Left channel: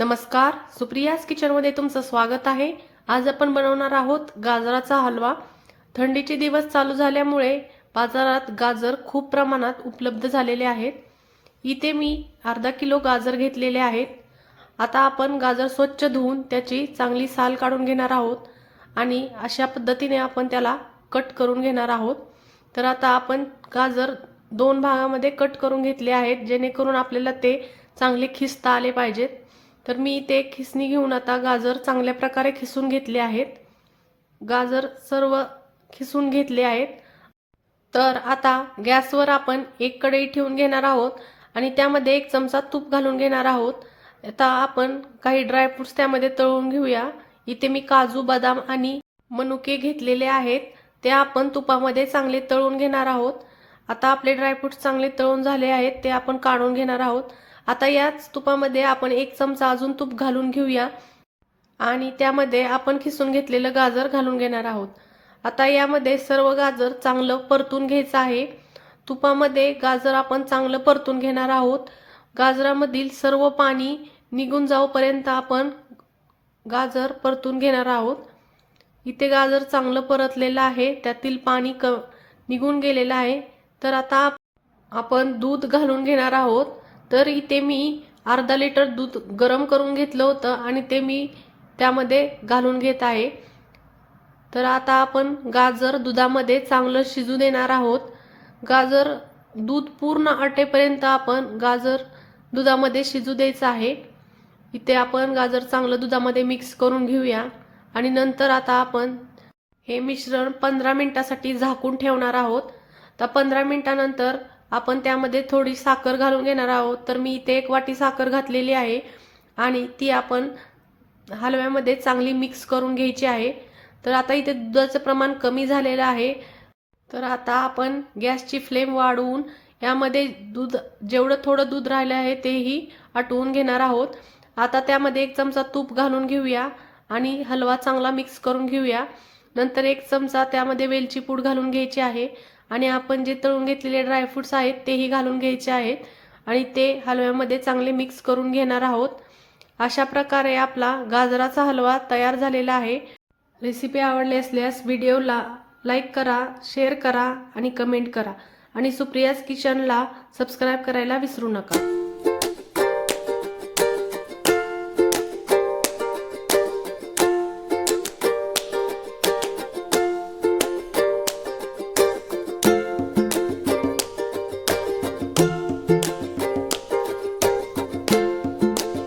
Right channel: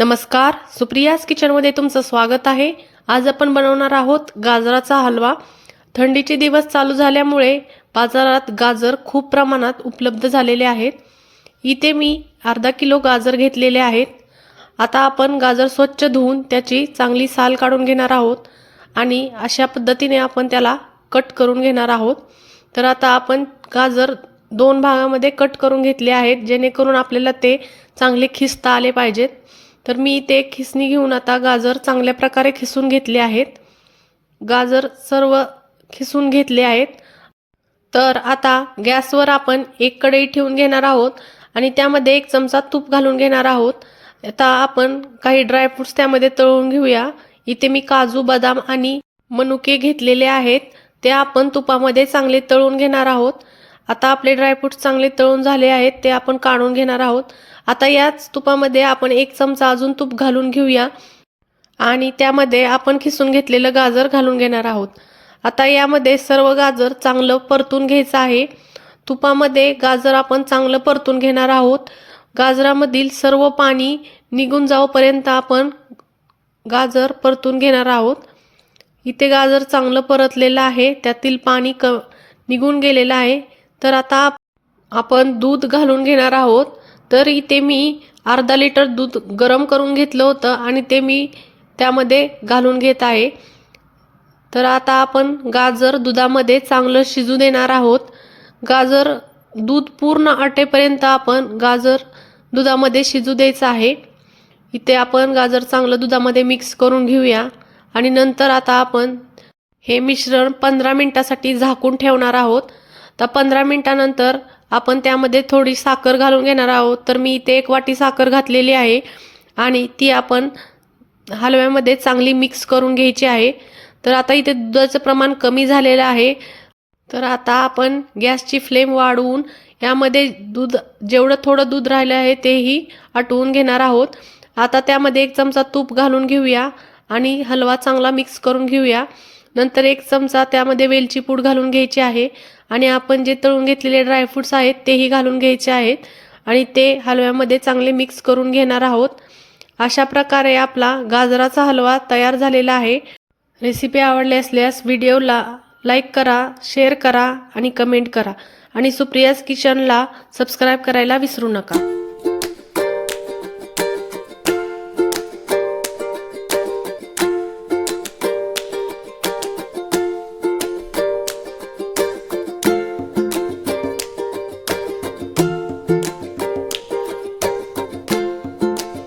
नमस्कार, सुप्रियाज किचनमध्ये तुमचं स्वागत आहे। आज आपण बनवणार आहोत गाजराचा हलवा। थंडीचे दिवस चालू झाल्यामुळे बाजारात गाजर खूप प्रमाणात उपलब्ध झालेले आहेत। इथे मी अर्धा किलो गाजर घेतलेले आहेत। आता आपण गाजर स्वच्छ धुवून त्याची चांगली साल काढून घेणार आहोत आणि अशा पद्धतीने आपण त्याला कट करून घेणार आहोत। तर आता आपण गाजर दोन भागामध्ये कट करून घेतले आहेत, जेणेकरून आपल्याला ते चांगले खिसता आले पाहिजेत। तर मी इथे खिसणी घेऊन आता गाजर चांगल्या प्रकारे खिसून घेतले आहेत। गाजर सर्व खिसून घेतले आहेत। तर आता गॅसवर आपण एक कढई ठेवून घेणार आहोत आणि त्यामध्ये एक चमचा तूप घालून घेणार आहोत। आता आपण काही ड्रायफ्रुट्स त्यामध्ये तळून घेऊया। इथे मी काजू, बदाम आणि मनुके घेतलेले आहेत, ते आपण तुपामध्ये चांगले तळून घेणार आहोत। आता आपले ड्रायफ्रुट्स चांगले तळून झाले आहेत, ते आपण काढून घेणार आहोत। आता याच तुपामध्ये आपण एक चमचा अजून तूप घालून घेऊया आणि त्यामध्ये आपण खिसून घेतलेलं गाजर घालून घेणार आहोत। आता यामध्ये सर्व गाजर चांगलं परतून घ्यायचं आहे। तुपामध्ये गाजर आपण चांगलं परतून घेणार आहोत। गाजरामधील सर्व पाणी निघून जाऊपर्यंत आपण गाजर परतून घेणार आहोत। इथे गाजर चांगलं परतलेलं आहे, त्यातील पाणी निघून गेलेलं आहे। तर आता आपण दूध घालून घेणार आहोत। तर इथे मी अर्धा लिटर दूध गरम करून घेतलं होतं आणि ते मी त्यामध्ये घालून घेत आहे। तर आता आपण गाजर दुधामध्ये चांगलं शिजू देणार आहोत। गाजर दूध पूर्ण आटेपर्यंत आपण गाजर दुधामध्ये शिजू द्यायचं आहे। इथे आपण गाजर चांगलं दुधामध्ये मिक्स करून घेऊया आणि नंतर आता आपण हे मिश्रण 15 मिनिटासाठी झाकून ठेवणार आहोत। तर 15 मिनिटानंतर आपण त्यामध्ये थोडी साखर घालून घेणार आहोत। तर मी इथे 1 वाटी साखर घातलेली आहे आणि ती आपण हलव्यामध्ये चांगली मिक्स करून घ्यायची आहे। तर आता इथे दुधाचं प्रमाण कमी झालेलं आहे। तर आता आपण गॅसची फ्लेम वाढवून यामध्ये जेवढं थोडं दूध राहिलं आहे तेही आटवून घेणार आहोत। आता त्यामध्ये 1 चमचा तूप घालून घेऊया आणि हलवा चांगला मिक्स करून घेऊया। नंतर 1 चमचा त्यामध्ये वेलची पूड घालून घ्यायची आहे आणि आपण जे तळून घेतलेले ड्रायफ्रुट्स आहेत तेही घालून घ्यायचे आहेत आणि ते हलव्यामध्ये चांगले मिक्स करून घेणार आहोत। अशा प्रकारे आपला गाजराचा हलवा तयार झालेला आहे। रेसिपी आवडली असल्यास व्हिडिओला लाईक करा, शेअर करा आणि कमेंट करा आणि सुप्रियाज किचनला सबस्क्राईब करायला विसरू नका।